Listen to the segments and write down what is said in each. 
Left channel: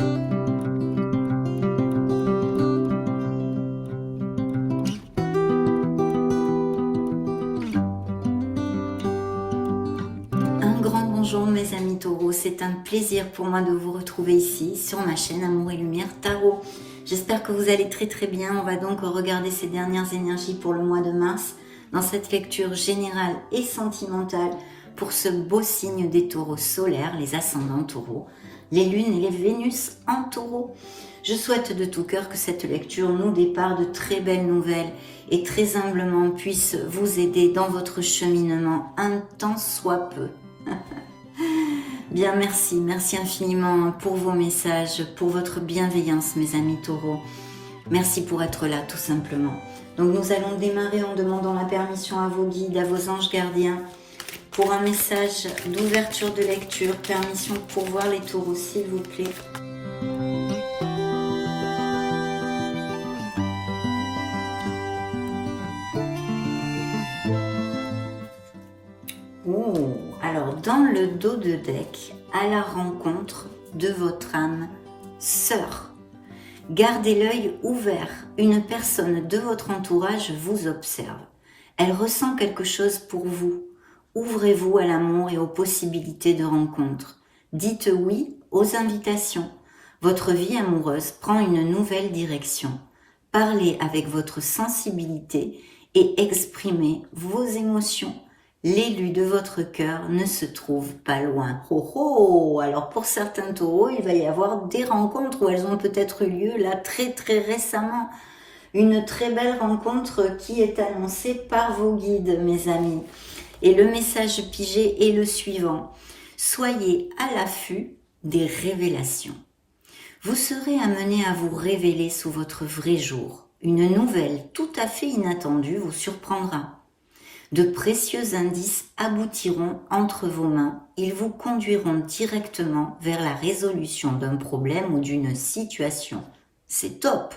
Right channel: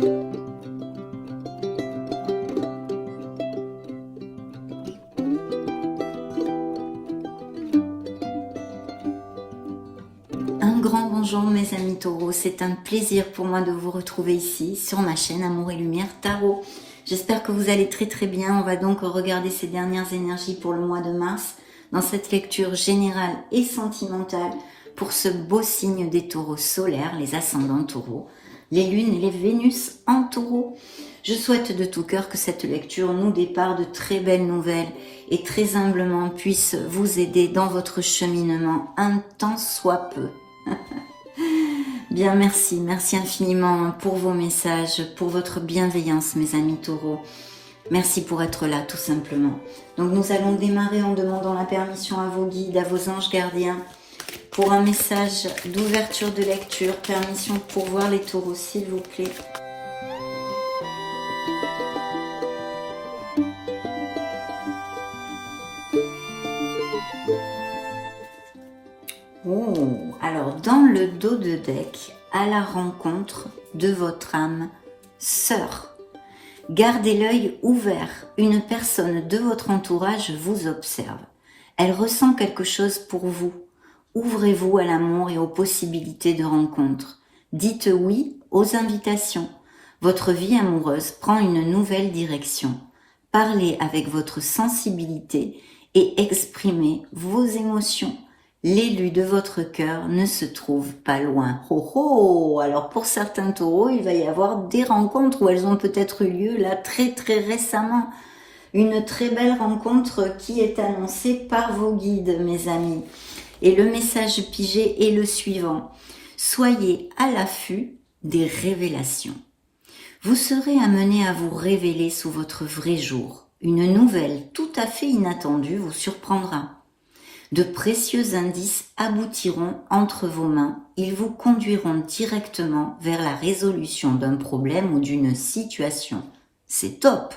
Un grand bonjour mes amis taureaux, c'est un plaisir pour moi de vous retrouver ici sur ma chaîne Amour et Lumière Tarot. J'espère que vous allez très bien. On va donc regarder ces dernières énergies pour le mois de mars dans cette lecture générale et sentimentale pour ce beau signe des taureaux solaires, les ascendants taureaux, les lunes et les Vénus en taureau. Je souhaite de tout cœur que cette lecture nous dépare de très belles nouvelles et très humblement puisse vous aider dans votre cheminement un tant soit peu. Bien, merci infiniment pour vos messages, pour votre bienveillance mes amis taureaux. Merci pour être là tout simplement. Donc nous allons démarrer en demandant la permission à vos guides, à vos anges gardiens pour un message d'ouverture de lecture. Permission pour voir les taureaux s'il vous plaît. Oh, alors dans le dos de deck, à la rencontre de votre âme sœur. Gardez l'œil ouvert, une personne de votre entourage vous observe. Elle ressent quelque chose pour vous. Ouvrez-vous à l'amour et aux possibilités de rencontre. Dites oui aux invitations. Votre vie amoureuse prend une nouvelle direction. Parlez avec votre sensibilité et exprimez vos émotions. L'élu de votre cœur ne se trouve pas loin. Oh oh! Alors pour certains taureaux, il va y avoir des rencontres où elles ont peut-être eu lieu là très récemment. Une très belle rencontre qui est annoncée par vos guides, mes amis. Et le message pigé est le suivant. Soyez à l'affût des révélations. Vous serez amené à vous révéler sous votre vrai jour. Une nouvelle tout à fait inattendue vous surprendra. De précieux indices aboutiront entre vos mains. Ils vous conduiront directement vers la résolution d'un problème ou d'une situation. C'est top!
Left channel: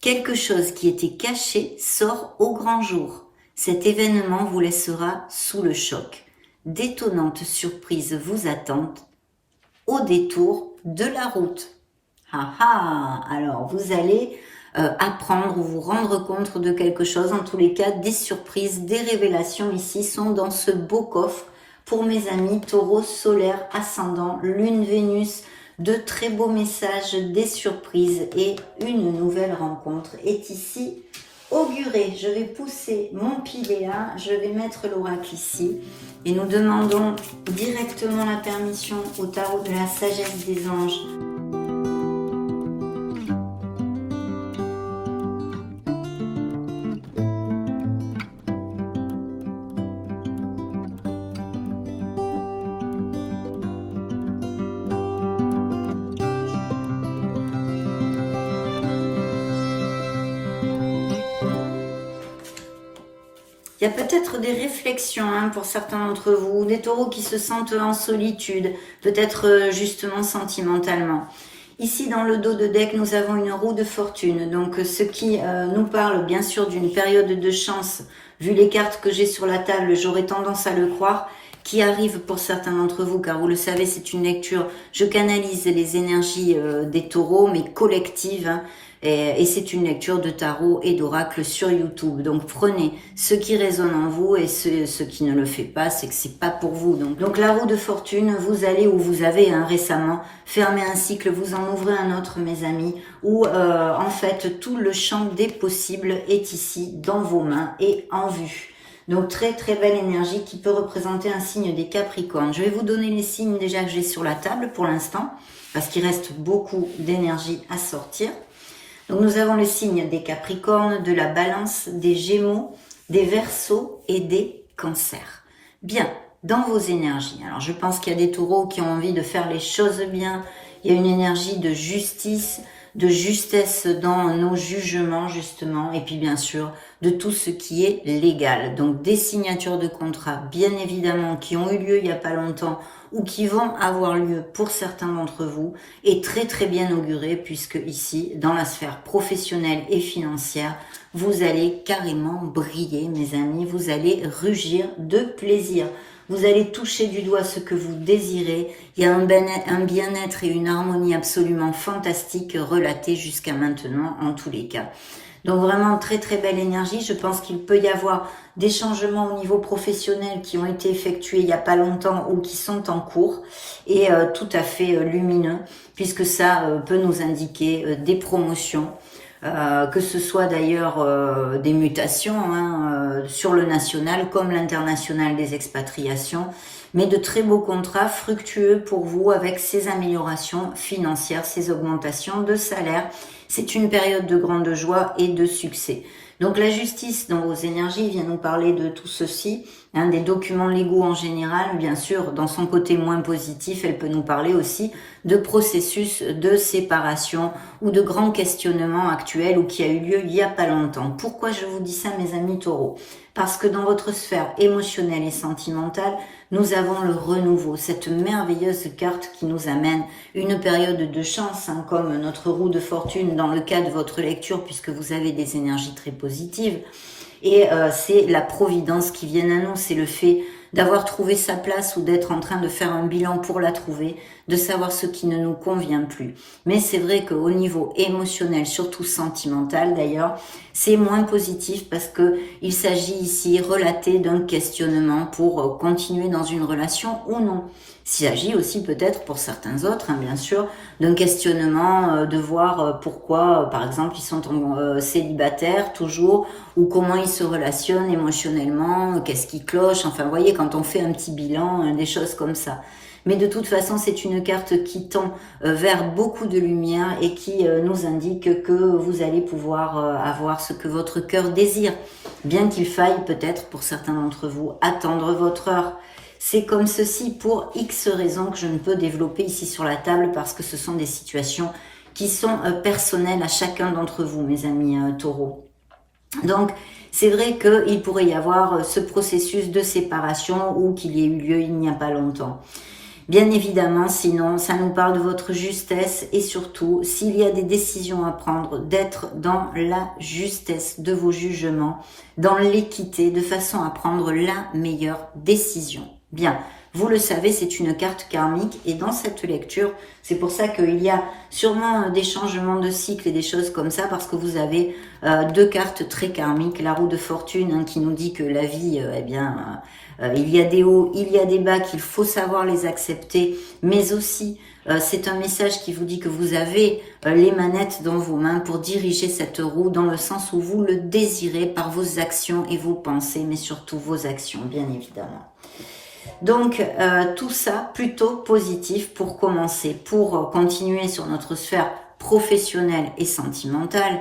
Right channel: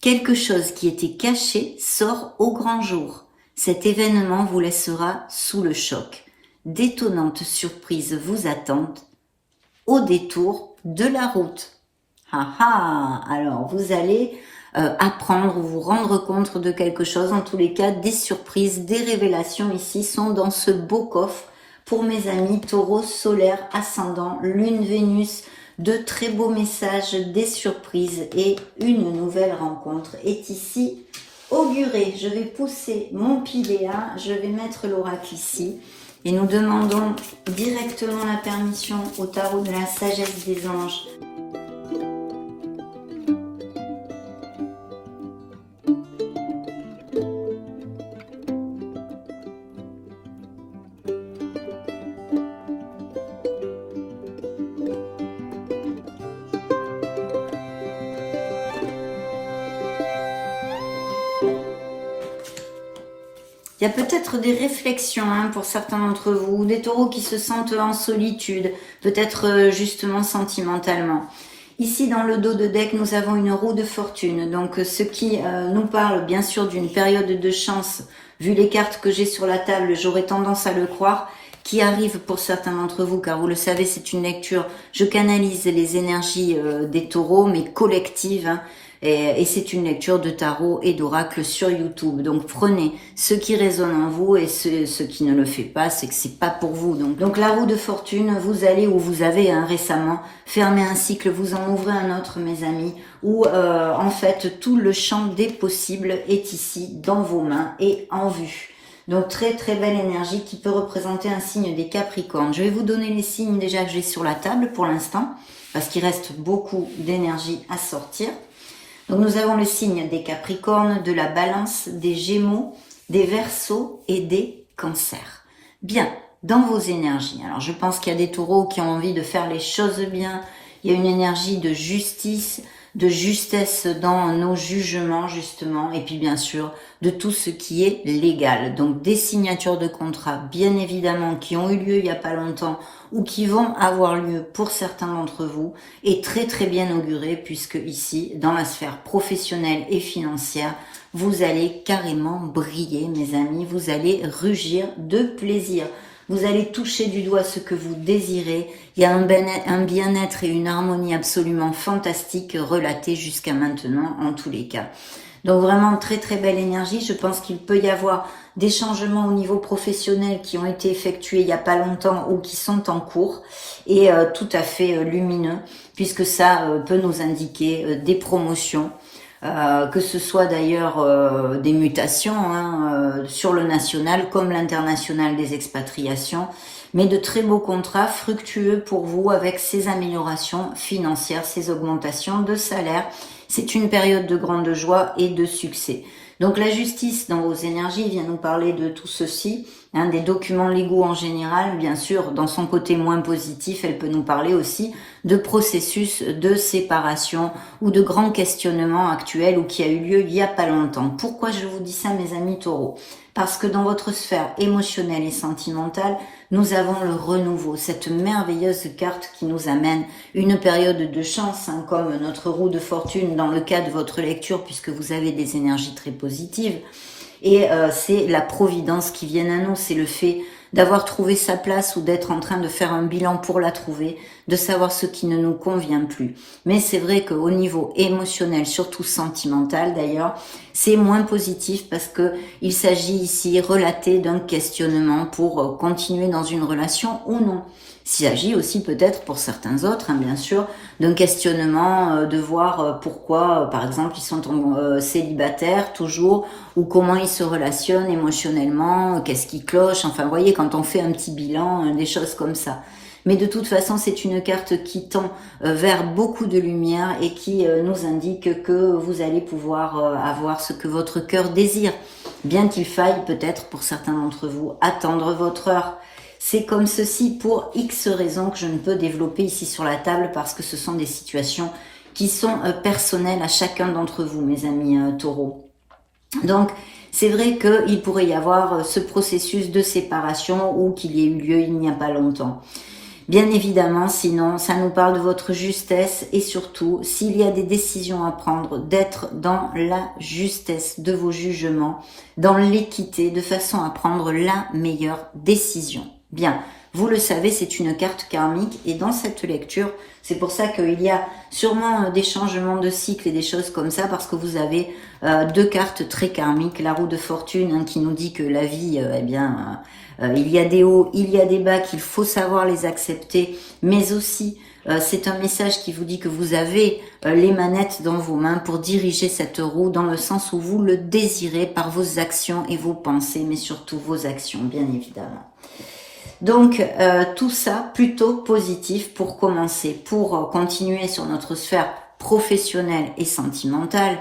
Quelque chose qui était caché sort au grand jour. Cet événement vous laissera sous le choc. D'étonnantes surprises vous attendent au détour de la route. Alors vous allez apprendre ou vous rendre compte de quelque chose. En tous les cas, des surprises, des révélations ici sont dans ce beau coffre pour mes amis taureaux solaires, ascendant, lune, Vénus. De très beaux messages, des surprises et une nouvelle rencontre est ici augurée. Je vais pousser mon piléa, je vais mettre l'oracle ici et nous demandons directement la permission au tarot de la sagesse des anges. Il y a peut-être des réflexions pour certains d'entre vous, des taureaux qui se sentent en solitude, peut-être justement sentimentalement. Ici dans le dos de deck, nous avons une roue de fortune, donc ce qui nous parle bien sûr d'une période de chance, vu les cartes que j'ai sur la table, j'aurais tendance à le croire, qui arrive pour certains d'entre vous, car vous le savez, c'est une lecture, je canalise les énergies des taureaux, mais collectives, et c'est une lecture de tarot et d'oracle sur YouTube. Donc prenez ce qui résonne en vous et ce qui ne le fait pas, c'est que c'est pas pour vous. Donc la roue de fortune, vous allez ou vous avez récemment fermé un cycle, vous en ouvrez un autre mes amis, où en fait tout le champ des possibles est ici dans vos mains et en vue. Donc très belle énergie qui peut représenter un signe des Capricornes. Je vais vous donner les signes déjà que j'ai sur la table pour l'instant, parce qu'il reste beaucoup d'énergie à sortir. Donc nous avons le signe des Capricornes, de la Balance, des Gémeaux, des Verseaux et des Cancers. Bien, dans vos énergies, alors je pense qu'il y a des taureaux qui ont envie de faire les choses bien, il y a une énergie de justice, de justesse dans nos jugements justement, et puis bien sûr de tout ce qui est légal. Donc des signatures de contrats bien évidemment qui ont eu lieu il n'y a pas longtemps ou qui vont avoir lieu pour certains d'entre vous, et très bien auguré puisque ici dans la sphère professionnelle et financière vous allez carrément briller mes amis, vous allez rugir de plaisir. Vous allez toucher du doigt ce que vous désirez. Il y a un bien-être et une harmonie absolument fantastique relatés jusqu'à maintenant en tous les cas. Donc vraiment très très belle énergie. Je pense qu'il peut y avoir des changements au niveau professionnel qui ont été effectués il n'y a pas longtemps ou qui sont en cours et tout à fait lumineux puisque ça peut nous indiquer des promotions. Que ce soit d'ailleurs des mutations sur le national comme l'international des expatriations, mais de très beaux contrats fructueux pour vous avec ces améliorations financières, ces augmentations de salaire. C'est une période de grande joie et de succès. Donc la justice dans vos énergies vient nous parler de tout ceci, des documents légaux en général, bien sûr, dans son côté moins positif, elle peut nous parler aussi de processus de séparation ou de grands questionnements actuels ou qui a eu lieu il n'y a pas longtemps. Pourquoi je vous dis ça, mes amis taureaux? Parce que dans votre sphère émotionnelle et sentimentale, nous avons le renouveau, cette merveilleuse carte qui nous amène une période de chance, comme notre roue de fortune dans le cas de votre lecture, puisque vous avez des énergies très positives. Et c'est la providence qui vient à nous, c'est le fait d'avoir trouvé sa place ou d'être en train de faire un bilan pour la trouver, de savoir ce qui ne nous convient plus. Mais c'est vrai qu'au niveau émotionnel, surtout sentimental d'ailleurs, c'est moins positif parce que il s'agit ici relaté d'un questionnement pour continuer dans une relation ou non. Il s'agit aussi peut-être pour certains autres, bien sûr, d'un questionnement de voir pourquoi, par exemple, ils sont célibataires toujours, ou comment ils se relationnent émotionnellement, qu'est-ce qui cloche, enfin, vous voyez, quand on fait un petit bilan, des choses comme ça. Mais de toute façon, c'est une carte qui tend vers beaucoup de lumière et qui nous indique que vous allez pouvoir avoir ce que votre cœur désire, bien qu'il faille peut-être, pour certains d'entre vous, attendre votre heure. C'est comme ceci pour X raisons que je ne peux développer ici sur la table parce que ce sont des situations qui sont personnelles à chacun d'entre vous, mes amis taureaux. Donc, c'est vrai qu'il pourrait y avoir ce processus de séparation ou qu'il y ait eu lieu il n'y a pas longtemps. Bien évidemment, sinon, ça nous parle de votre justesse et surtout, s'il y a des décisions à prendre, d'être dans la justesse de vos jugements, dans l'équité, de façon à prendre la meilleure décision. Bien, vous le savez, c'est une carte karmique et dans cette lecture, c'est pour ça qu'il y a sûrement des changements de cycle et des choses comme ça parce que vous avez deux cartes très karmiques, la roue de fortune qui nous dit que la vie, il y a des hauts, il y a des bas, qu'il faut savoir les accepter, mais aussi c'est un message qui vous dit que vous avez les manettes dans vos mains pour diriger cette roue dans le sens où vous le désirez par vos actions et vos pensées, mais surtout vos actions, bien évidemment. Donc, tout ça plutôt positif pour commencer, pour continuer sur notre sphère professionnelle et sentimentale.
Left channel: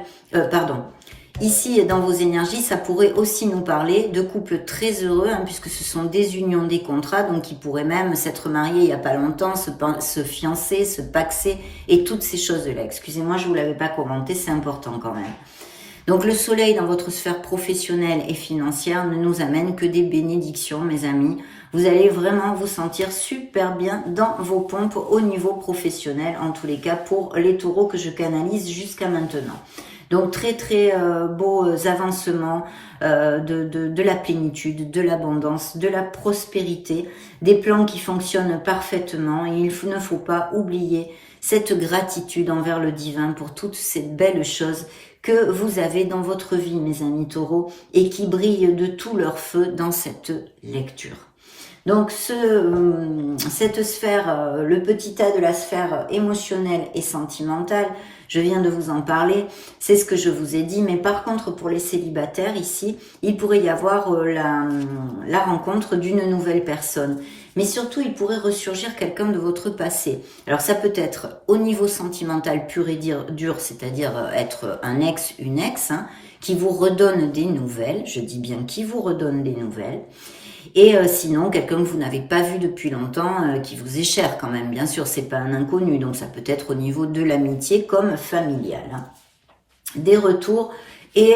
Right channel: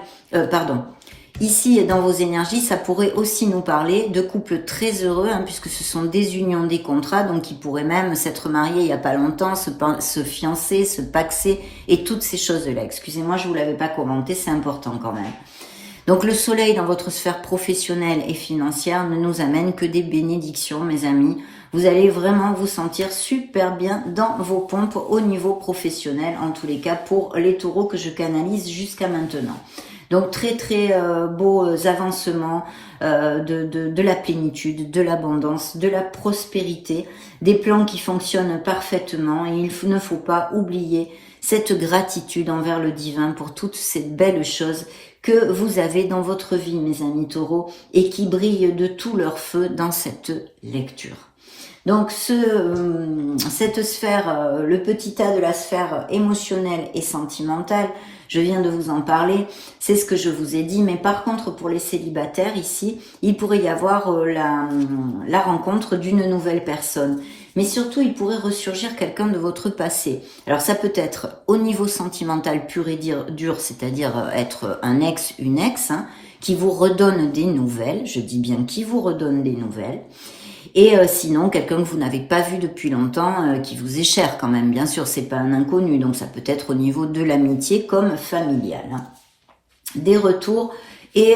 Ici et dans vos énergies, ça pourrait aussi nous parler de couples très heureux, puisque ce sont des unions, des contrats, donc qui pourraient même s'être mariés il n'y a pas longtemps, se fiancer, se paxer, et toutes ces choses-là. Excusez-moi, je ne vous l'avais pas commenté, c'est important quand même. Donc le soleil dans votre sphère professionnelle et financière ne nous amène que des bénédictions, mes amis. Vous allez vraiment vous sentir super bien dans vos pompes au niveau professionnel, en tous les cas pour les taureaux que je canalise jusqu'à maintenant. Donc très très beaux avancements de la plénitude, de l'abondance, de la prospérité, des plans qui fonctionnent parfaitement et il ne faut pas oublier cette gratitude envers le divin pour toutes ces belles choses que vous avez dans votre vie, mes amis taureaux, et qui brillent de tout leur feu dans cette lecture. Donc cette sphère, le petit tas de la sphère émotionnelle et sentimentale, je viens de vous en parler, c'est ce que je vous ai dit, mais par contre pour les célibataires ici, il pourrait y avoir la rencontre d'une nouvelle personne. Mais surtout, il pourrait ressurgir quelqu'un de votre passé. Alors ça peut être au niveau sentimental pur et dur, c'est-à-dire être un ex, une ex, qui vous redonne des nouvelles, je dis bien qui vous redonne des nouvelles. Et sinon, quelqu'un que vous n'avez pas vu depuis longtemps, qui vous est cher quand même, bien sûr, c'est pas un inconnu, donc ça peut être au niveau de l'amitié comme familial. Des retours et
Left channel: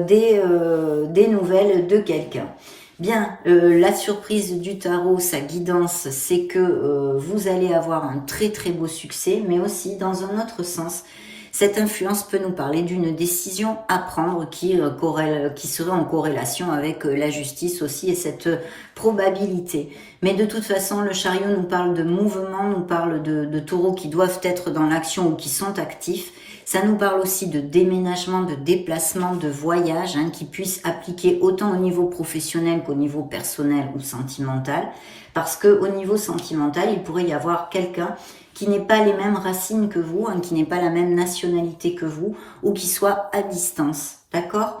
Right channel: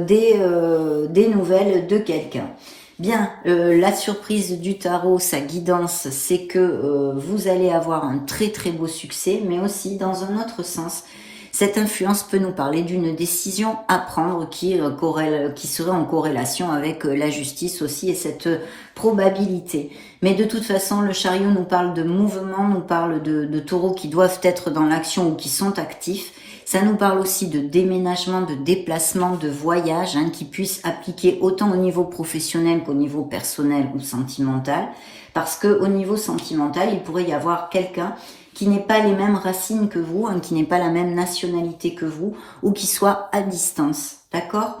des nouvelles de quelqu'un. Bien, la surprise du tarot, sa guidance, c'est que vous allez avoir un très très beau succès, mais aussi dans un autre sens, Cette influence peut nous parler d'une décision à prendre qui serait en corrélation avec la justice aussi et cette probabilité. Mais de toute façon, le chariot nous parle de mouvement, nous parle de taureaux qui doivent être dans l'action ou qui sont actifs. Ça nous parle aussi de déménagement, de déplacement, de voyage, qui puissent appliquer autant au niveau professionnel qu'au niveau personnel ou sentimental. Parce qu'au niveau sentimental, il pourrait y avoir quelqu'un qui n'ait pas les mêmes racines que vous, qui n'ait pas la même nationalité que vous, ou qui soit à distance, d'accord?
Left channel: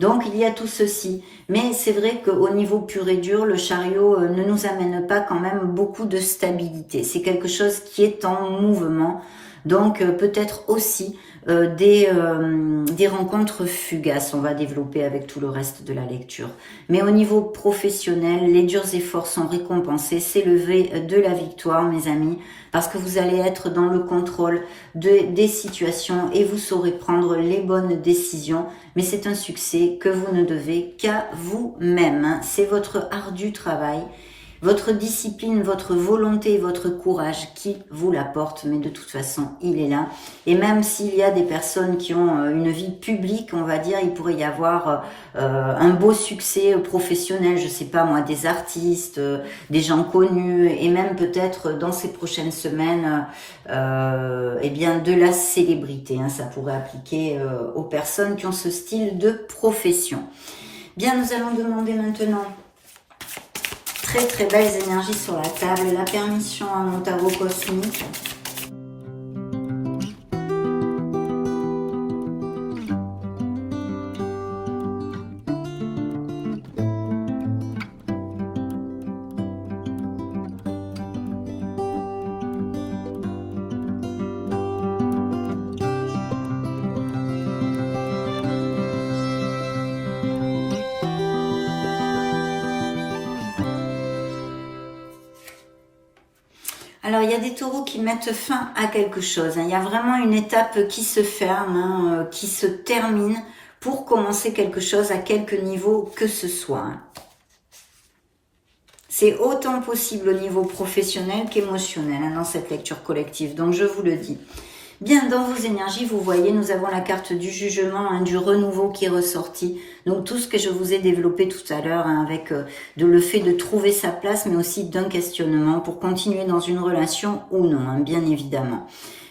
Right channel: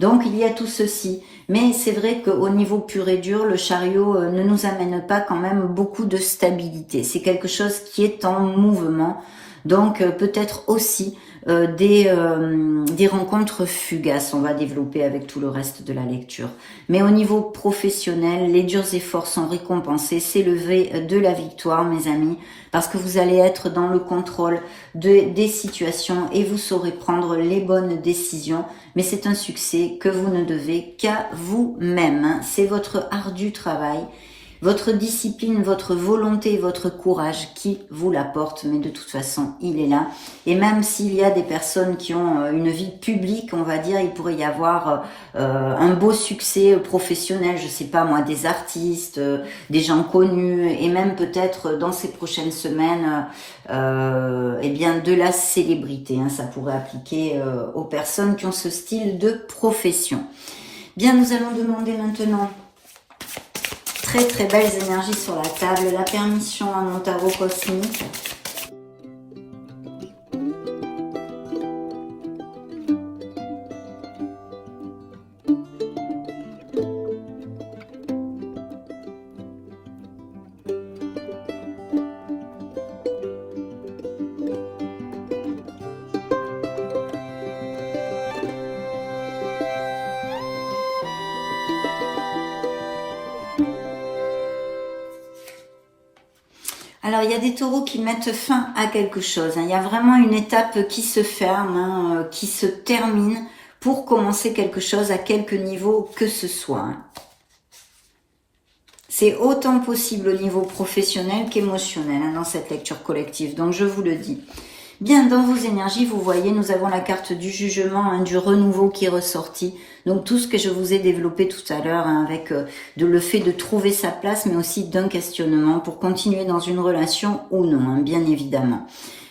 Donc il y a tout ceci, mais c'est vrai qu'au niveau pur et dur, le chariot ne nous amène pas quand même beaucoup de stabilité. C'est quelque chose qui est en mouvement, donc peut-être aussi des rencontres fugaces, on va développer avec tout le reste de la lecture. Mais au niveau professionnel, les durs efforts sont récompensés, c'est le V de la victoire, mes amis, parce que vous allez être dans le contrôle des situations et vous saurez prendre les bonnes décisions. Mais c'est un succès que vous ne devez qu'à vous-même. C'est votre ardu travail, votre discipline, votre volonté, votre courage qui vous l'apporte. Mais de toute façon, il est là. Et même s'il y a des personnes qui ont une vie publique, on va dire, il pourrait y avoir un beau succès professionnel, je sais pas moi, des artistes, des gens connus, et même peut-être dans ces prochaines semaines, eh bien de la célébrité. Ça pourrait appliquer aux personnes qui ont ce style de profession. Bien, nous allons demander maintenant très très belles énergies sur la table, la permission à mon tarot cosmique. Alors, il y a des taureaux qui mettent fin à quelque chose. Il y a vraiment une étape qui se ferme, qui se termine pour commencer quelque chose à quelque niveau que ce soit. C'est autant possible au niveau professionnel qu'émotionnel dans cette lecture collective. Donc, je vous le dis. Bien, dans vos énergies, vous voyez, nous avons la carte du jugement, du renouveau qui est ressorti. Donc, tout ce que je vous ai développé tout à l'heure, avec le fait de trouver sa place, mais aussi d'un questionnement pour continuer dans une relation ou non, bien évidemment.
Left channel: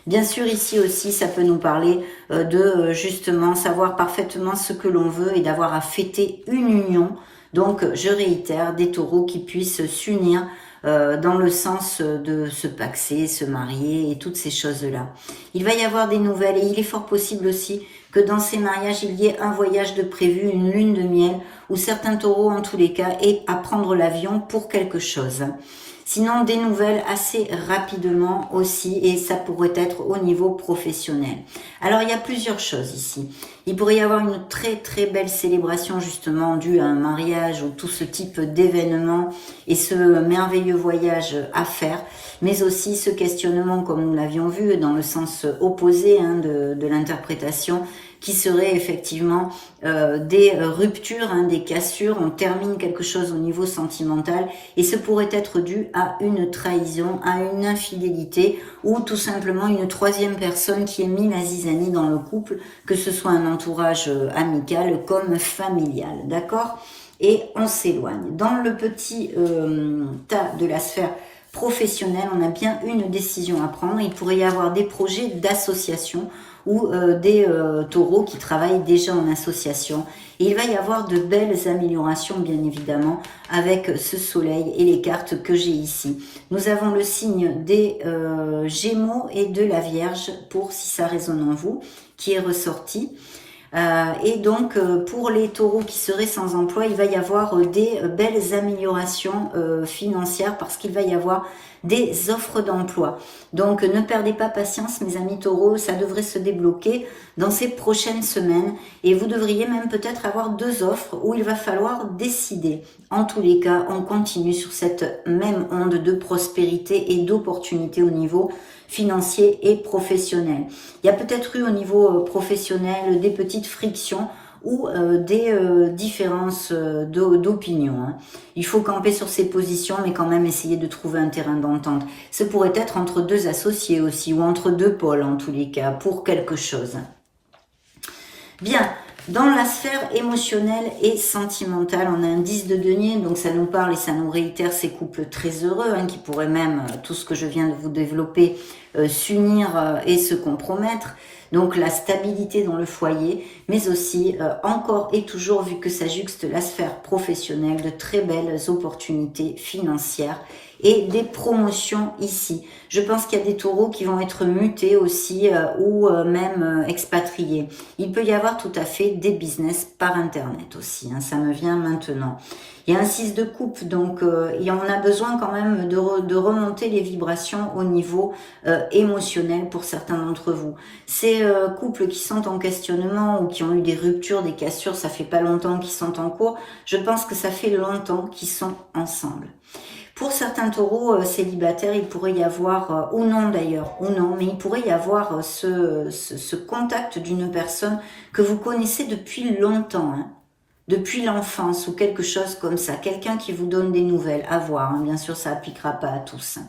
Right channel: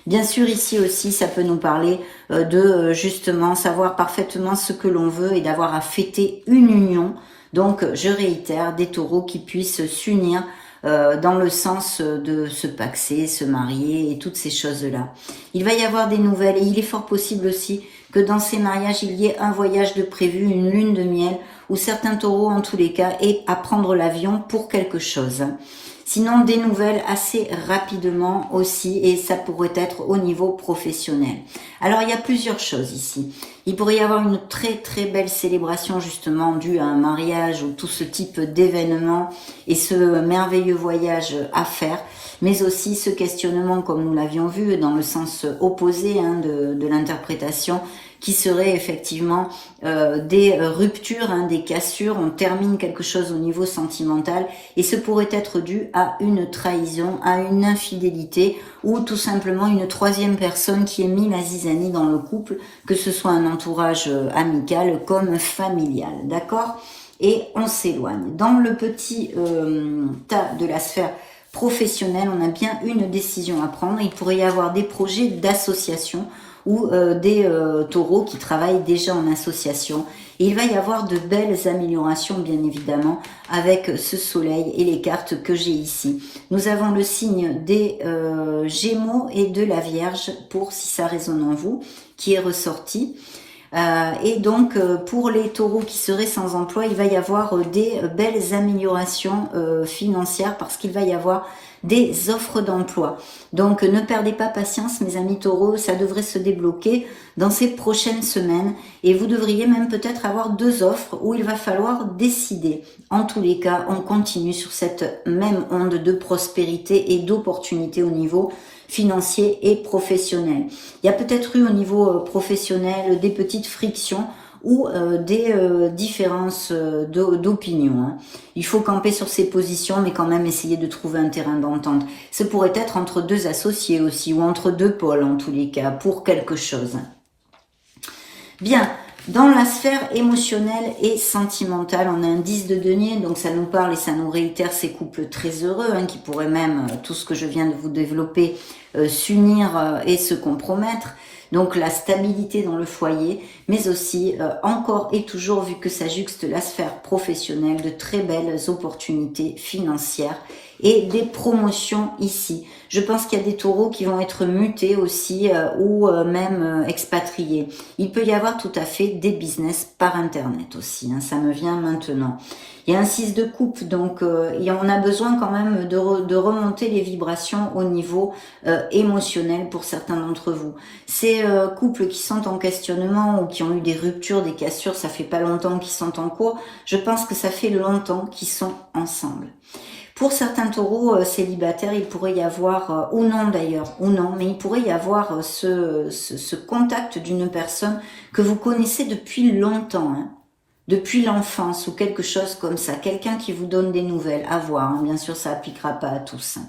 Bien sûr, ici aussi, ça peut nous parler de justement savoir parfaitement ce que l'on veut et d'avoir à fêter une union. Donc, je réitère, des taureaux qui puissent s'unir dans le sens de se paxer, se marier et toutes ces choses-là. Il va y avoir des nouvelles et il est fort possible aussi que dans ces mariages, il y ait un voyage de prévu, une lune de miel, où certains taureaux, en tous les cas, aient à prendre l'avion pour quelque chose. Sinon, des nouvelles assez rapidement aussi, et ça pourrait être au niveau professionnel. Alors, il y a plusieurs choses ici. Il pourrait y avoir une très très belle célébration justement due à un mariage ou tout ce type d'événement et ce merveilleux voyage à faire, mais aussi ce questionnement, comme nous l'avions vu, dans le sens opposé de l'interprétation, qui serait effectivement des ruptures, des cassures, on termine quelque chose au niveau sentimental et ce pourrait être dû à une trahison, à une infidélité ou tout simplement une troisième personne qui ait mis la zizanie dans le couple, que ce soit un entourage amical comme familial, d'accord? Et on s'éloigne. Dans le petit tas de la sphère professionnelle, on a bien une décision à prendre. Il pourrait y avoir des projets d'association ou des taureaux qui travaillent déjà en association. Et il va y avoir de belles améliorations, bien évidemment, avec ce soleil et les cartes que j'ai ici. Nous avons le signe des Gémeaux et de la Vierge, pour si ça résonne en vous, qui est ressorti. Et donc, pour les taureaux qui seraient sans emploi, il va y avoir des belles améliorations financières parce qu'il va y avoir des offres d'emploi. Donc, ne perdez pas patience, mes amis taureaux, ça devrait se débloquer dans ces prochaines semaines et vous devriez même peut-être avoir 2 offres où il va falloir décider. En tous les cas, on continue sur cette même onde de prospérité et d'opportunités au niveau financier et professionnel. Il y a peut-être eu au niveau professionnel des petites frictions ou des différences d'opinion. Hein. Il faut camper sur ses positions, mais quand même essayer de trouver un terrain d'entente. Ce pourrait être entre deux associés aussi, ou entre deux pôles en tous les cas, pour quelque chose. Bien, dans la sphère émotionnelle et sentimentale, on a un 10 de denier, donc ça nous parle et ça nous réitère ces couples très heureux, hein, qui pourraient même, tout ce que je viens de vous développer, s'unir et se compromettre. Donc la stabilité dans le foyer, mais aussi encore et toujours, vu que ça juxte la sphère professionnelle, de très belles opportunités financières et des promotions ici. Je pense qu'il y a des taureaux qui vont être mutés aussi ou même expatriés. Il peut y avoir tout à fait des business par internet aussi, hein, ça me vient maintenant. Il y a un 6 de coupe, donc on a besoin quand même de remonter les vibrations au niveau émotionnel pour certains d'entre vous. Ces couples qui sont en questionnement ou qui ont eu des ruptures, des cassures, ça fait pas longtemps qu'ils sont en cours, je pense que ça fait longtemps qu'ils sont ensemble. Pour certains taureaux célibataires, il pourrait y avoir, ou non d'ailleurs, ou non, mais il pourrait y avoir ce contact d'une personne que vous connaissez depuis longtemps, hein, depuis l'enfance ou quelque chose comme ça, quelqu'un qui vous donne des nouvelles, à voir, hein, bien sûr ça n'appliquera pas à tous. Hein.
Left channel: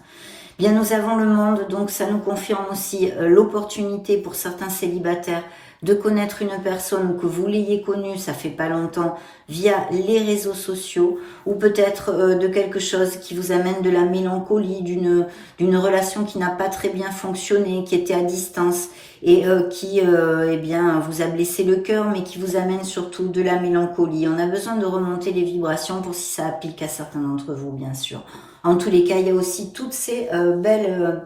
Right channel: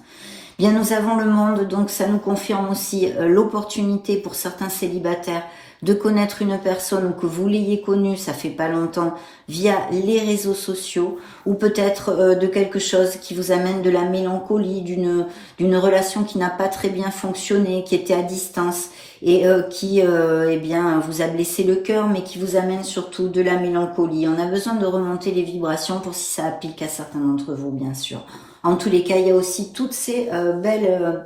Bien, nous avons le monde, donc ça nous confirme aussi l'opportunité pour certains célibataires de connaître une personne ou que vous l'ayez connue, ça fait pas longtemps, via les réseaux sociaux, ou peut-être de quelque chose qui vous amène de la mélancolie, d'une relation qui n'a pas très bien fonctionné, qui était à distance, et qui eh bien, vous a blessé le cœur, mais qui vous amène surtout de la mélancolie. On a besoin de remonter les vibrations pour si ça applique à certains d'entre vous, bien sûr. En tous les cas, il y a aussi toutes ces belles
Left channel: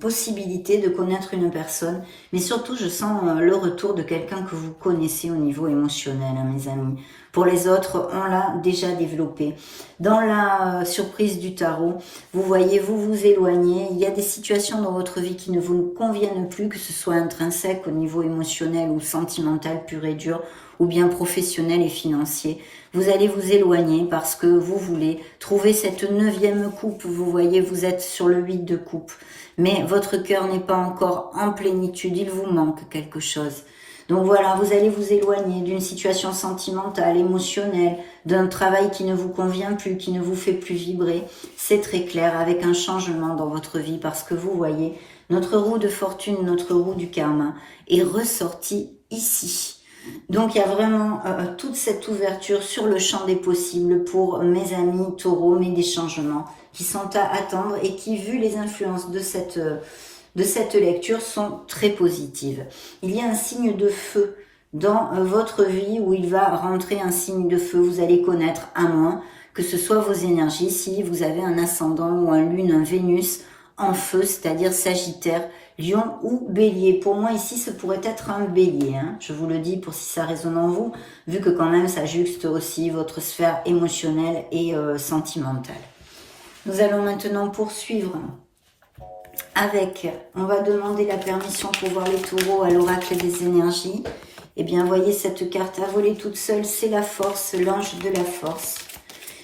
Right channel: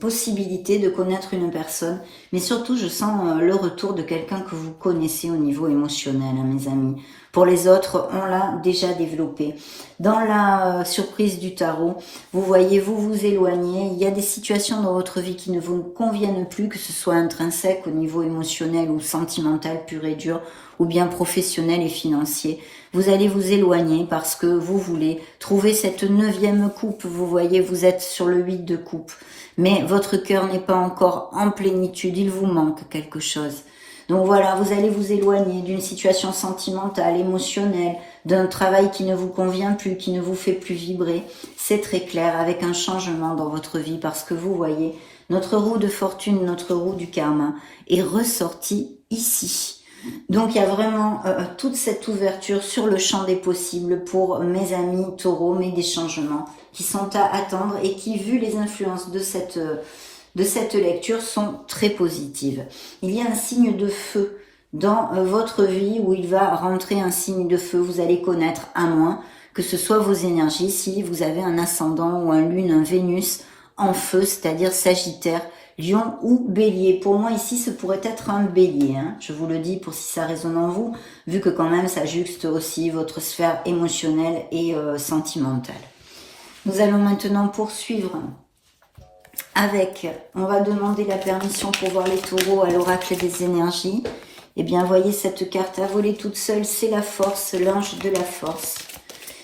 possibilités de connaître une personne. Mais surtout, je sens le retour de quelqu'un que vous connaissez au niveau émotionnel, hein, mes amis. Pour les autres, on l'a déjà développé. Dans la surprise du tarot, vous voyez, vous vous éloignez. Il y a des situations dans votre vie qui ne vous conviennent plus, que ce soit intrinsèque au niveau émotionnel ou sentimental pur et dur, ou bien professionnel et financier. Vous allez vous éloigner parce que vous voulez trouver cette 9e coupe. Vous voyez, vous êtes sur le 8 de coupe. Mais votre cœur n'est pas encore en plénitude. Il vous manque quelque chose. Donc voilà, vous allez vous éloigner d'une situation sentimentale, émotionnelle, d'un travail qui ne vous convient plus, qui ne vous fait plus vibrer. C'est très clair, avec un changement dans votre vie parce que vous voyez, notre roue de fortune, notre roue du karma est ressortie ici. Donc il y a vraiment toute cette ouverture sur le champ des possibles pour mes amis taureaux, mais des changements qui sont à attendre et qui, vu les influences de cette lecture, sont très positives. Il y a un signe de feu dans votre vie où il va rentrer un signe de feu, vous allez connaître à moins que ce soit vos énergies, si vous avez un ascendant ou un lune, un Vénus en feu, c'est-à-dire Sagittaire, Lion ou Bélier. Pour moi ici, ce pourrait être un Bélier, hein. Je vous le dis pour si ça résonne en vous, vu que quand même ça juxte aussi votre sphère émotionnelle et sentimentale. Nous allons maintenant poursuivre avec, on va demander la permission pour voir les taureaux à l'oracle des énergies. Eh bien, voyez cette carte à voler toute seule, c'est la force, l'ange de la force,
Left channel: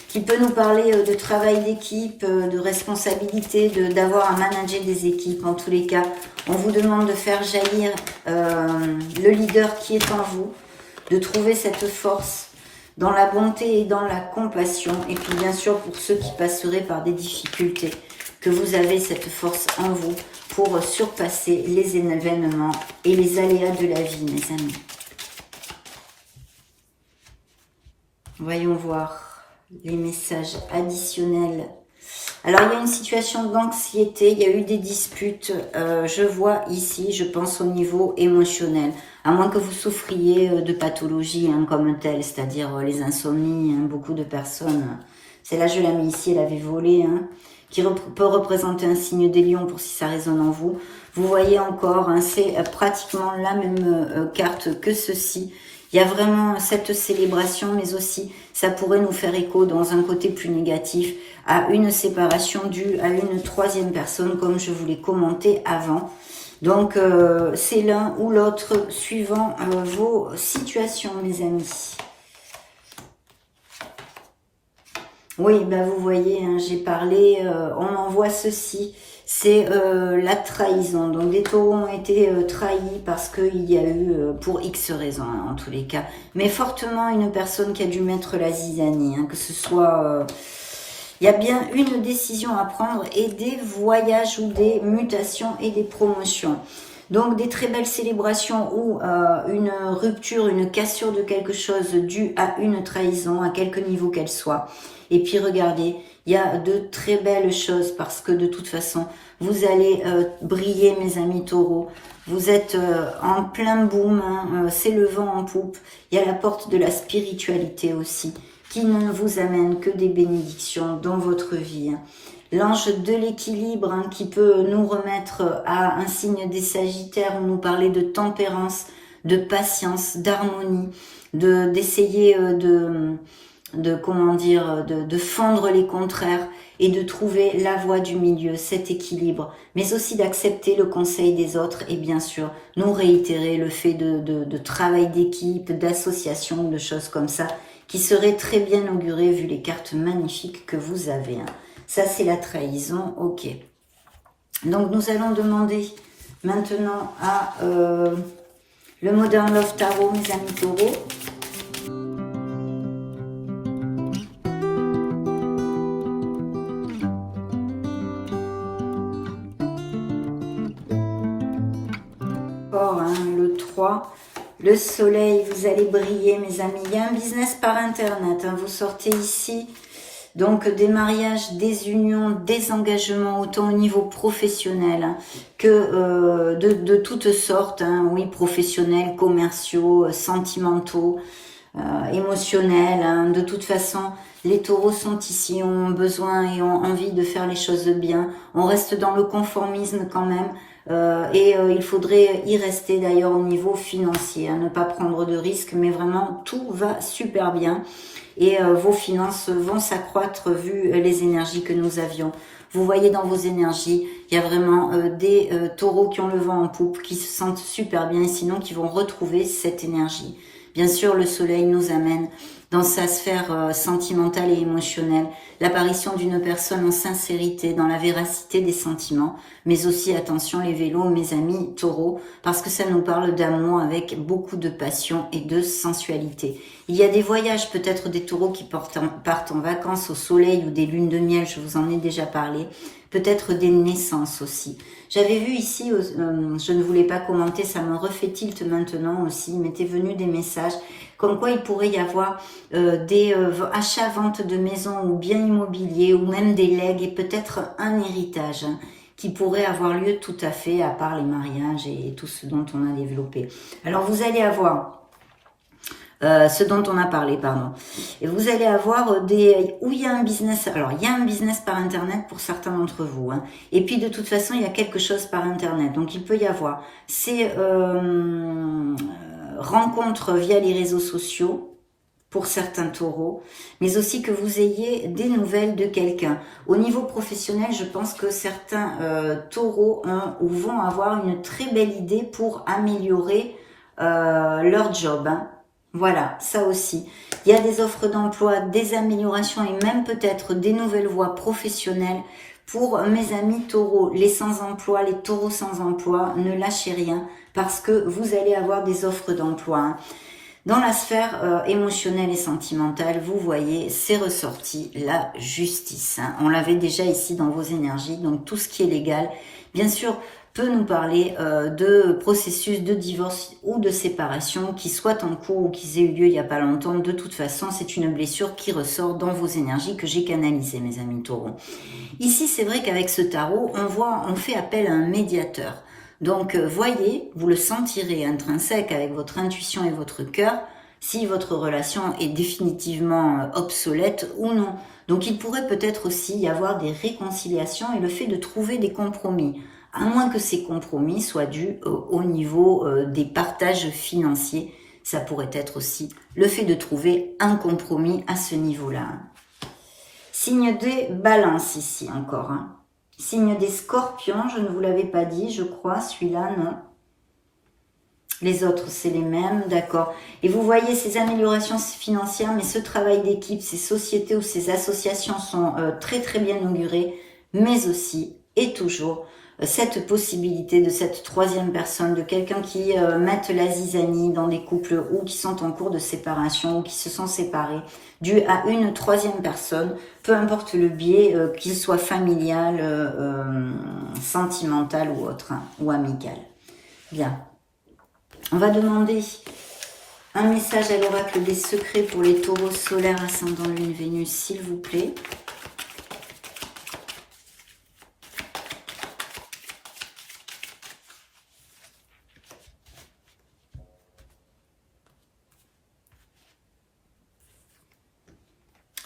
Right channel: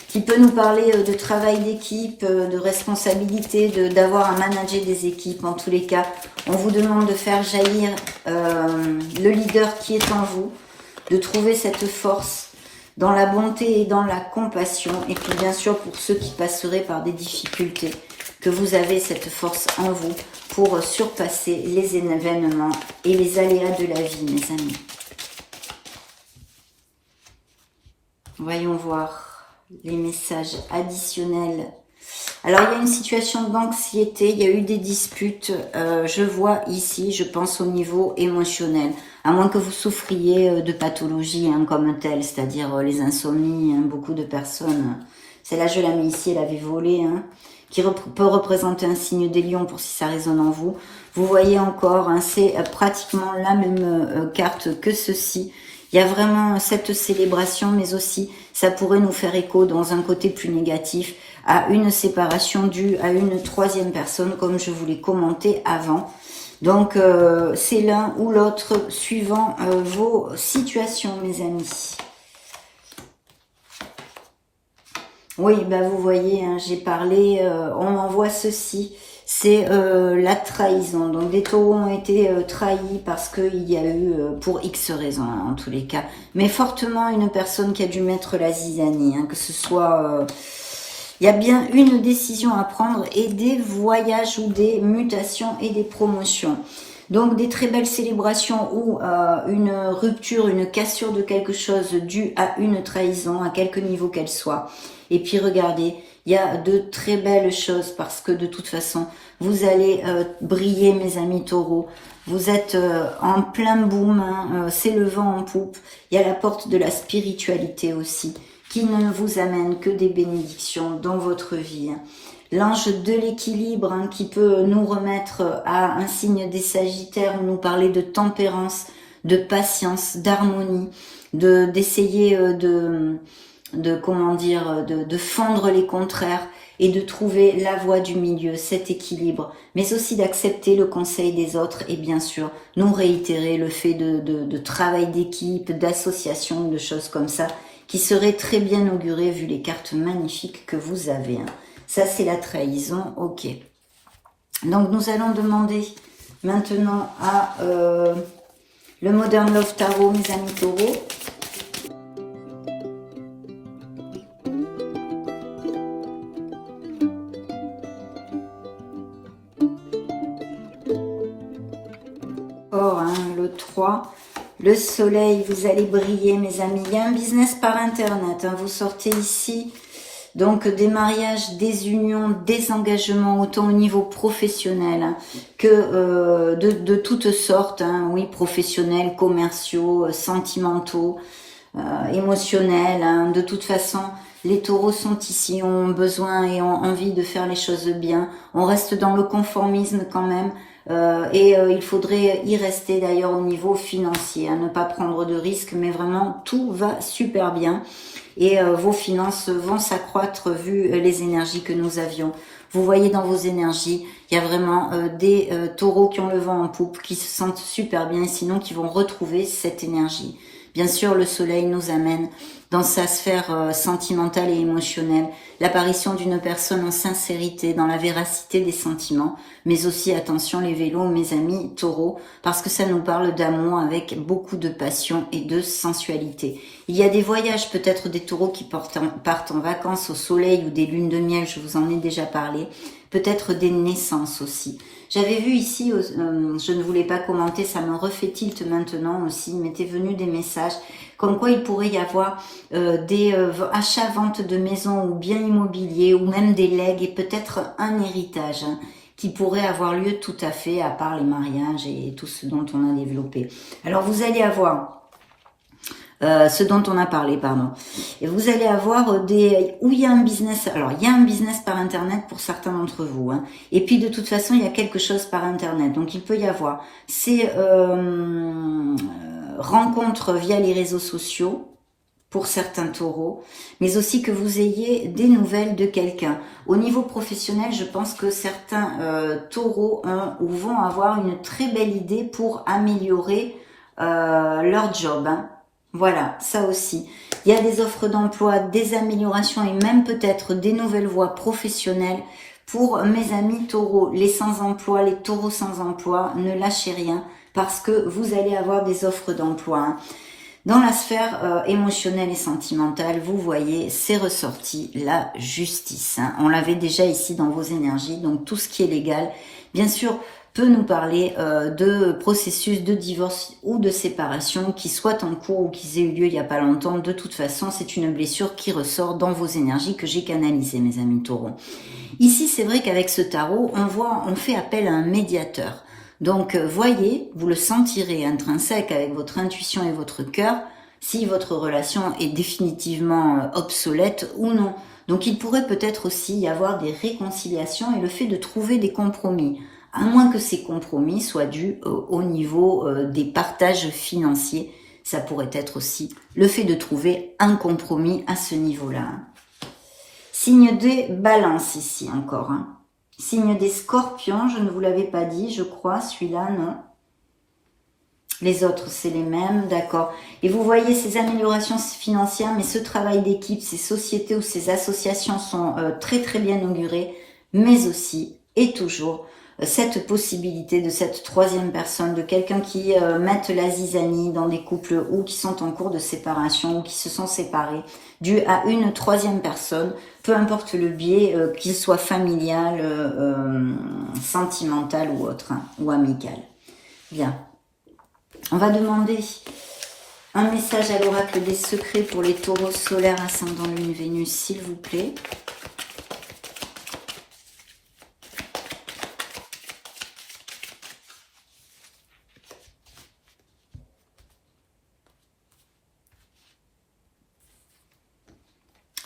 qui peut nous parler de travail d'équipe, de responsabilité, d'avoir à manager des équipes. En tous les cas, on vous demande de faire jaillir le leader qui est en vous, de trouver cette force dans la bonté et dans la compassion. Et puis bien sûr, pour ceux qui passeraient par des difficultés, que vous avez cette force en vous pour surpasser les événements et les aléas de la vie, mes amis. Voyons voir les messages additionnels. Alors, il y a une situation d'anxiété, il y a eu des disputes, je vois ici, je pense au niveau émotionnel, à moins que vous souffriez de pathologies hein, comme telles, c'est-à-dire les insomnies, hein, beaucoup de personnes, celle-là je la mets ici, elle avait volé, hein, qui peut représenter un signe des lions pour si ça résonne en vous. Vous voyez encore, hein, c'est pratiquement la même carte que ceci. Il y a vraiment cette célébration, mais aussi ça pourrait nous faire écho dans un côté plus négatif à une séparation due à une 3e personne, comme je vous l'ai commenté avant. Donc c'est l'un ou l'autre suivant vos situations, mes amis. Oui, ben vous voyez, hein, j'ai parlé, on m'envoie ceci. c'est la trahison. Donc les taureaux ont été trahis parce qu'il y a eu, pour X raisons en tous les cas, mais fortement une personne qui a dû mettre la zizanie, hein, que ce soit... il y a bien une décision à prendre et des voyages ou des mutations et des promotions. Donc des très belles célébrations ou une rupture, une cassure de quelque chose due à une trahison, à quelque niveau qu'elle soit. Et puis regardez, il y a de très belles choses parce que de toute façon, vous allez briller mes amis taureaux. Vous êtes en plein boom, hein, c'est le vent en poupe. Il y a la porte de la spiritualité aussi qui ne vous amène que des bénédictions dans votre vie. L'ange de l'équilibre hein, qui peut nous remettre à un signe des Sagittaires où nous parler de tempérance, de patience, d'harmonie, d'essayer comment dire, de fondre les contraires et de trouver la voie du milieu, cet équilibre, mais aussi d'accepter le conseil des autres et bien sûr nous réitérer le fait de travail d'équipe, d'association, de choses comme ça qui serait très bien auguré vu les cartes magnifiques que vous avez. Hein. Ça, c'est la trahison, ok. Donc, nous allons demander maintenant à le Modern Love Tarot, mes amis taureaux. Hein, le 3. Le soleil, vous allez briller, mes amis. Il y a un business par Internet. Hein. Vous sortez ici, donc des mariages, des unions, des engagements, autant au niveau professionnel hein, que de toutes sortes. Hein. Oui, professionnels, commerciaux, sentimentaux, émotionnels. Hein. De toute façon, les taureaux sont ici, ont besoin et ont envie de faire les choses bien. On reste dans le conformisme quand même. Il faudrait y rester d'ailleurs au niveau financier, hein, ne pas prendre de risques, mais vraiment tout va super bien et vos finances vont s'accroître vu les énergies que nous avions. Vous voyez dans vos énergies, il y a vraiment des taureaux qui ont le vent en poupe, qui se sentent super bien et sinon qui vont retrouver cette énergie. Bien sûr, le soleil nous amène dans sa sphère sentimentale et émotionnelle, l'apparition d'une personne en sincérité, dans la véracité des sentiments, mais aussi, attention les vélos, mes amis taureaux, parce que ça nous parle d'amour avec beaucoup de passion et de sensualité. Il y a des voyages, peut-être des taureaux qui partent en vacances au soleil ou des lunes de miel, je vous en ai déjà parlé, peut-être des naissances aussi. J'avais vu ici, je ne voulais pas commenter, ça me refait tilt maintenant aussi, il m'était venu des messages comme quoi il pourrait y avoir des achats, ventes de maisons ou biens immobiliers ou même des legs et peut-être un héritage hein, qui pourrait avoir lieu tout à fait à part les mariages et tout ce dont on a développé. Alors vous allez avoir... ce dont on a parlé, pardon. Et vous allez avoir où il y a un business. Alors, il y a un business par Internet pour certains d'entre vous. Hein. Et puis, de toute façon, il y a quelque chose par Internet. Donc, il peut y avoir ces rencontres via les réseaux sociaux pour certains taureaux, mais aussi que vous ayez des nouvelles de quelqu'un. Au niveau professionnel, je pense que certains taureaux vont avoir une très belle idée pour améliorer leur job. Hein. Voilà, ça aussi. Il y a des offres d'emploi, des améliorations et même peut-être des nouvelles voies professionnelles pour mes amis taureaux. Les sans-emploi, les taureaux sans emploi, ne lâchez rien parce que vous allez avoir des offres d'emploi. Hein. Dans la sphère émotionnelle et sentimentale, vous voyez, c'est ressorti la justice. Hein. On l'avait déjà ici dans vos énergies, donc tout ce qui est légal, bien sûr, peut nous parler de processus de divorce ou de séparation qui soient en cours ou qui aient eu lieu il n'y a pas longtemps. De toute façon, c'est une blessure qui ressort dans vos énergies que j'ai canalisées, mes amis taureaux. Ici, c'est vrai qu'avec ce tarot, on fait appel à un médiateur. Donc, voyez, vous le sentirez intrinsèque avec votre intuition et votre cœur, si votre relation est définitivement obsolète ou non. Donc, il pourrait peut-être aussi y avoir des réconciliations et le fait de trouver des compromis. À moins que ces compromis soient dus au niveau des partages financiers. Ça pourrait être aussi le fait de trouver un compromis à ce niveau-là. Signe des balances ici encore. Hein. Signe des scorpions, je ne vous l'avais pas dit, je crois, celui-là, non. Les autres, c'est les mêmes, d'accord. Et vous voyez ces améliorations financières, mais ce travail d'équipe, ces sociétés ou ces associations sont très très bien augurées, mais aussi et toujours cette possibilité de cette troisième personne, de quelqu'un qui mette la zizanie dans des couples ou qui sont en cours de séparation ou qui se sont séparés, dû à une troisième personne, peu importe le biais, qu'il soit familial, sentimental ou autre, hein, ou amical. Bien. On va demander un message à l'oracle des secrets pour les taureaux solaires, ascendant lune, Vénus, s'il vous plaît.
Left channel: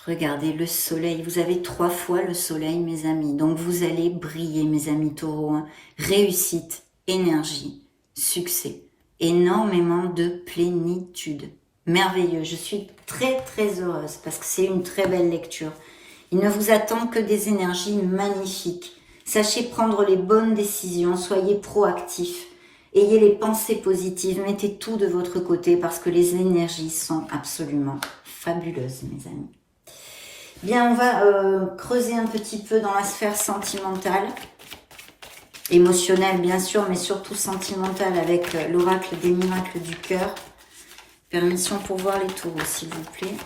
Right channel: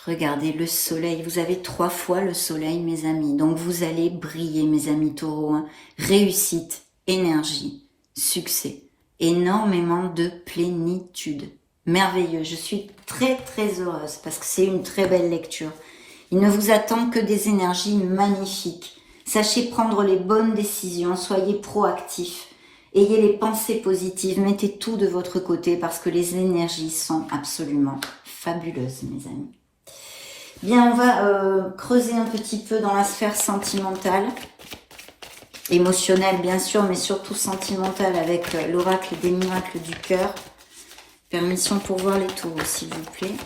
Regardez le soleil, vous avez 3 fois le soleil, mes amis. Donc vous allez briller, mes amis taureaux. Hein. Réussite, énergie, succès, énormément de plénitude. Merveilleux, je suis très très heureuse parce que c'est une très belle lecture. Il ne vous attend que des énergies magnifiques. Sachez prendre les bonnes décisions, soyez proactifs. Ayez les pensées positives, mettez tout de votre côté parce que les énergies sont absolument fabuleuses, mes amis. Bien, on va creuser un petit peu dans la sphère sentimentale, émotionnelle bien sûr, mais surtout sentimentale avec l'oracle des miracles du cœur. Permission pour voir les taureaux, s'il vous plaît.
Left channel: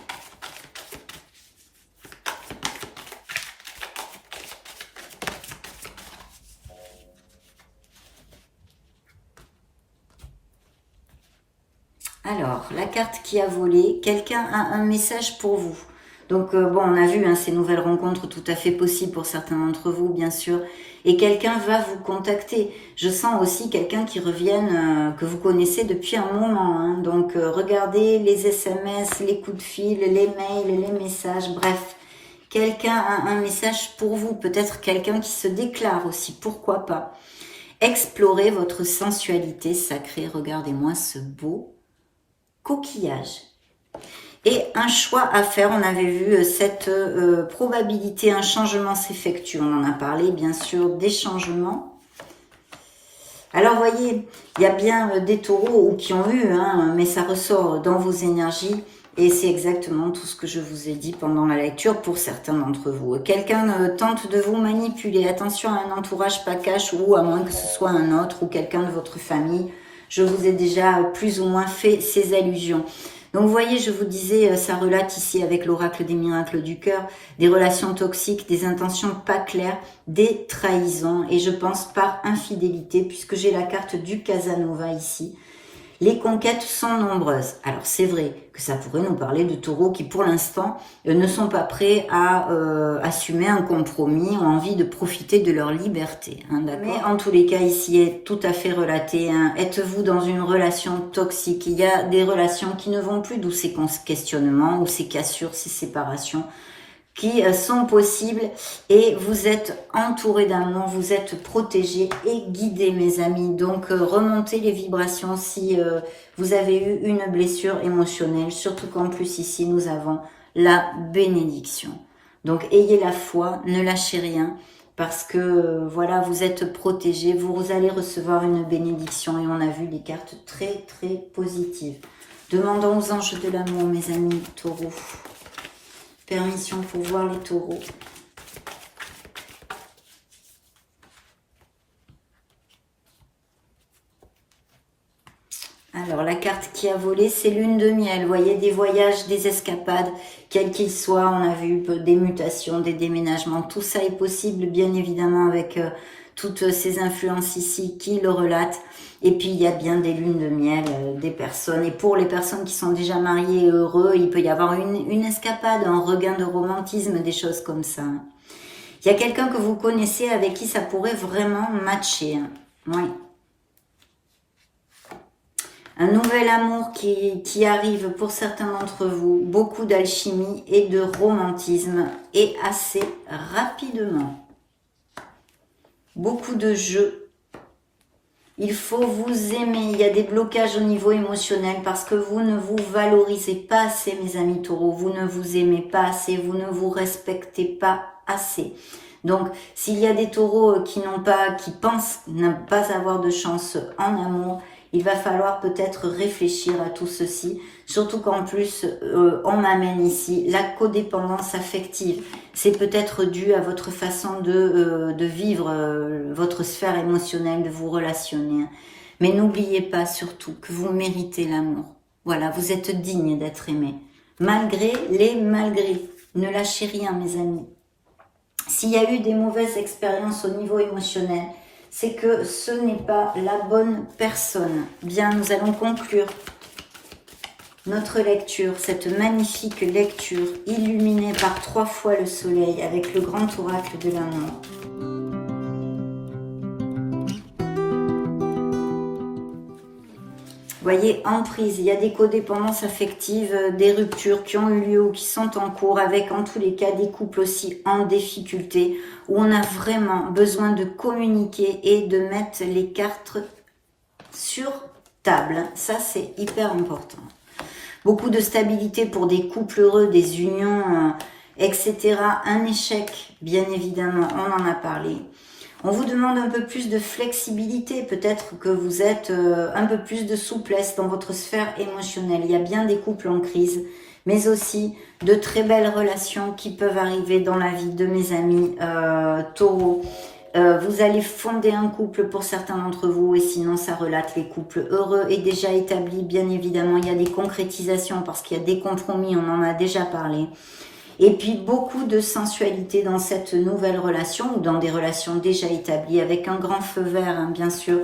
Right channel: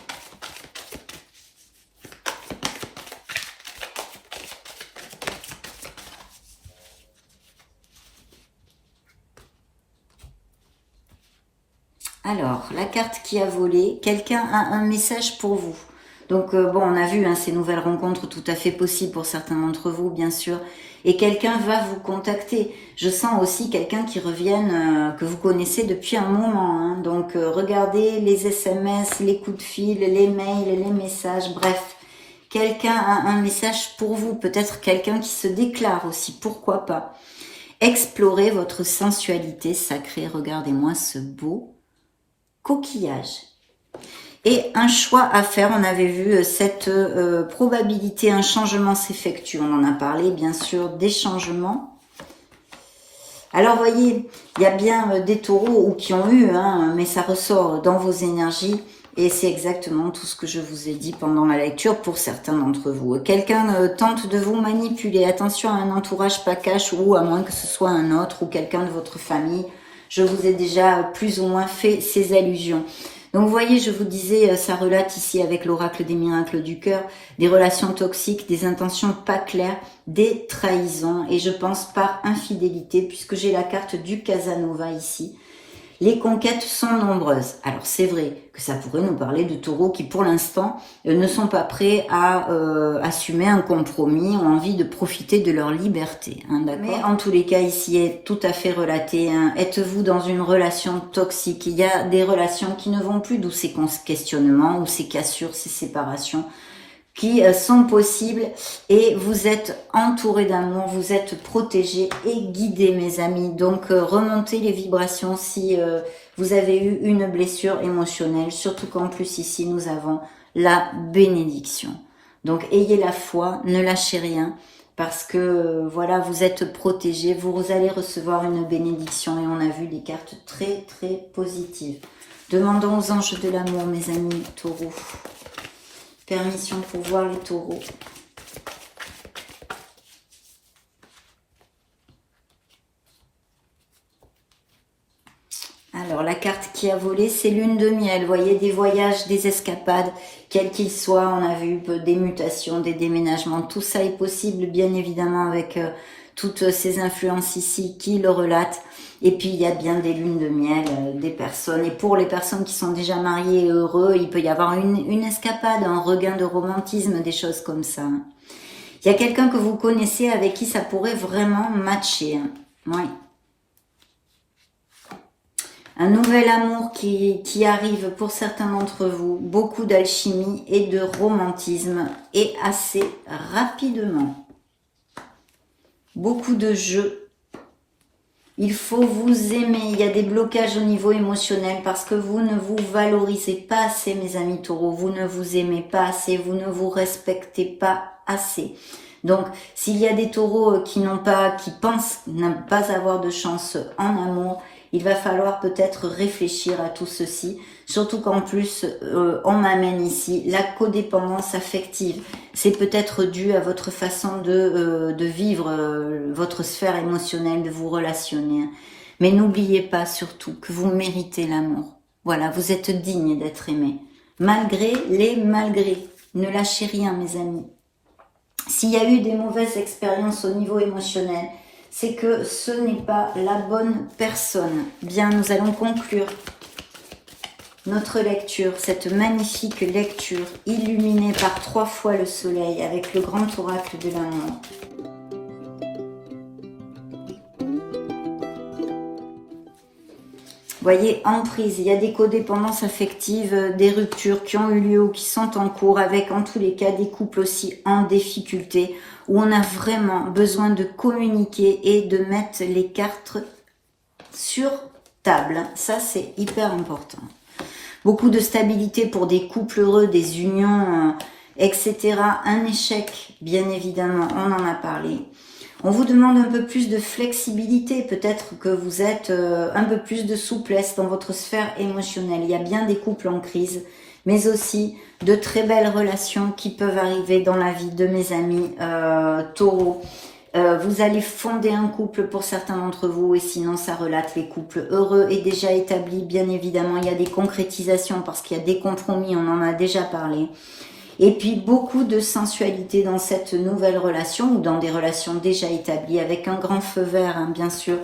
Alors, la carte qui a volé, quelqu'un a un message pour vous. Donc, bon, on a vu hein, ces nouvelles rencontres tout à fait possibles pour certains d'entre vous, bien sûr. Et quelqu'un va vous contacter. Je sens aussi quelqu'un qui revienne, que vous connaissez depuis un moment. Hein. Donc, regardez les SMS, les coups de fil, les mails, les messages, bref. Quelqu'un a un message pour vous. Peut-être quelqu'un qui se déclare aussi, pourquoi pas. Explorez votre sensualité sacrée. Regardez-moi ce beau coquillage. Et un choix à faire, on avait vu cette probabilité, un changement s'effectue, on en a parlé bien sûr, des changements. Alors voyez, il y a bien des taureaux ou qui ont eu, hein, mais ça ressort dans vos énergies et c'est exactement tout ce que je vous ai dit pendant la lecture pour certains d'entre vous. Quelqu'un tente de vous manipuler, attention à un entourage pas cash ou à moins que ce soit un autre ou quelqu'un de votre famille. Je vous ai déjà plus ou moins fait ces allusions. Donc vous voyez, je vous disais, ça relate ici avec l'oracle des miracles du cœur, des relations toxiques, des intentions pas claires, des trahisons, et je pense par infidélité, puisque j'ai la carte du Casanova ici. Les conquêtes sont nombreuses. Alors c'est vrai que ça pourrait nous parler de taureaux qui pour l'instant ne sont pas prêts à assumer un compromis, ont envie de profiter de leur liberté. Hein, d'accord. Mais en tous les cas ici est tout à fait relaté. Hein. Êtes-vous dans une relation toxique? Il y a des relations qui ne vont plus, d'où ces questionnements, ou ces cassures, ces séparations qui sont possibles et vous êtes entouré d'amour, vous êtes protégé et guidé mes amis. Donc remontez les vibrations si vous avez eu une blessure émotionnelle, surtout qu'en plus ici nous avons la bénédiction. Donc ayez la foi, ne lâchez rien parce que voilà, vous êtes protégé, vous allez recevoir une bénédiction et on a vu des cartes très très positives. Demandons aux anges de l'amour mes amis taureaux. Permission pour voir les taureaux. Alors, la carte qui a volé, c'est lune de miel. Vous voyez, des voyages, des escapades, quels qu'ils soient. On a vu des mutations, des déménagements. Tout ça est possible, bien évidemment, avec toutes ces influences ici qui le relatent. Et puis, il y a bien des lunes de miel, des personnes. Et pour les personnes qui sont déjà mariées et heureux, il peut y avoir une escapade, un regain de romantisme, des choses comme ça. Il y a quelqu'un que vous connaissez avec qui ça pourrait vraiment matcher. Oui. Un nouvel amour qui arrive pour certains d'entre vous. Beaucoup d'alchimie et de romantisme. Et assez rapidement. Beaucoup de jeux. Il faut vous aimer. Il y a des blocages au niveau émotionnel parce que vous ne vous valorisez pas assez, mes amis taureaux. Vous ne vous aimez pas assez. Vous ne vous respectez pas assez. Donc, s'il y a des taureaux qui pensent ne pas avoir de chance en amour, il va falloir peut-être réfléchir à tout ceci, surtout qu'en plus, on m'amène ici la codépendance affective. C'est peut-être dû à votre façon de vivre votre sphère émotionnelle, de vous relationner. Mais n'oubliez pas surtout que vous méritez l'amour. Voilà, vous êtes digne d'être aimé. Malgré les malgrés. Ne lâchez rien, mes amis. S'il y a eu des mauvaises expériences au niveau émotionnel, c'est que ce n'est pas la bonne personne. Bien, nous allons conclure notre lecture, cette magnifique lecture illuminée par 3 fois le soleil avec le grand oracle de la mort. Voyez, emprise, il y a des codépendances affectives, des ruptures qui ont eu lieu ou qui sont en cours, avec en tous les cas des couples aussi en difficulté, où on a vraiment besoin de communiquer et de mettre les cartes sur table. Ça, c'est hyper important. Beaucoup de stabilité pour des couples heureux, des unions, etc. Un échec, bien évidemment, on en a parlé. On vous demande un peu plus de flexibilité, peut-être que vous êtes un peu plus de souplesse dans votre sphère émotionnelle. Il y a bien des couples en crise, mais aussi de très belles relations qui peuvent arriver dans la vie de mes amis taureaux. Vous allez fonder un couple pour certains d'entre vous, et sinon ça relate les couples heureux et déjà établis. Bien évidemment, il y a des concrétisations parce qu'il y a des compromis, on en a déjà parlé. Et puis beaucoup de sensualité dans cette nouvelle relation ou dans des relations déjà établies avec un grand feu vert, hein, bien sûr,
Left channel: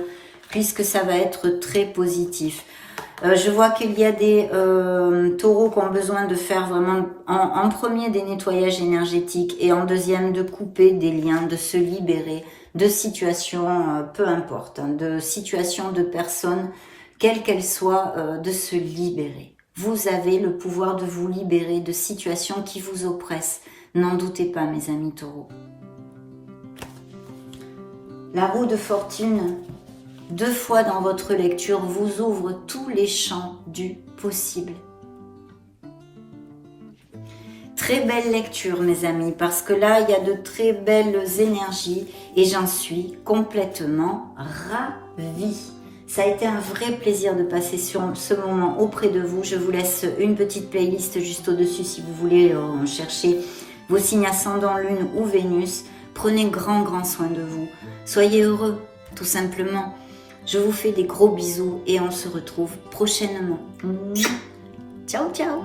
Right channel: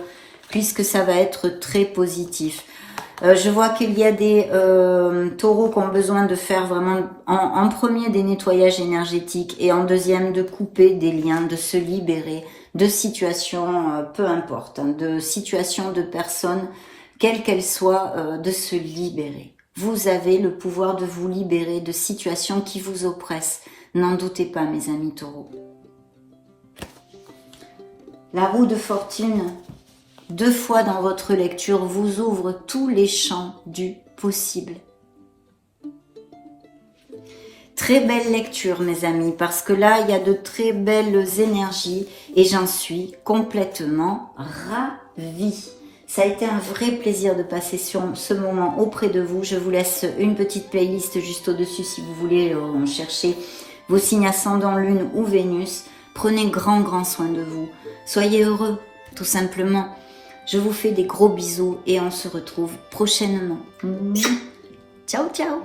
puisque ça va être très positif. Je vois qu'il y a des taureaux qui ont besoin de faire vraiment en premier des nettoyages énergétiques et en deuxième de couper des liens, de se libérer de situations, peu importe, hein, de situations de personnes, quelles qu'elles soient, de se libérer. Vous avez le pouvoir de vous libérer de situations qui vous oppressent. N'en doutez pas, mes amis taureaux. La roue de fortune, 2 fois dans votre lecture, vous ouvre tous les champs du possible. Très belle lecture, mes amis, parce que là, il y a de très belles énergies et j'en suis complètement ravie. Ça a été un vrai plaisir de passer sur ce moment auprès de vous. Je vous laisse une petite playlist juste au-dessus si vous voulez chercher vos signes ascendants, lune ou Vénus. Prenez grand soin de vous. Soyez heureux, tout simplement. Je vous fais des gros bisous et on se retrouve prochainement. Ciao, ciao!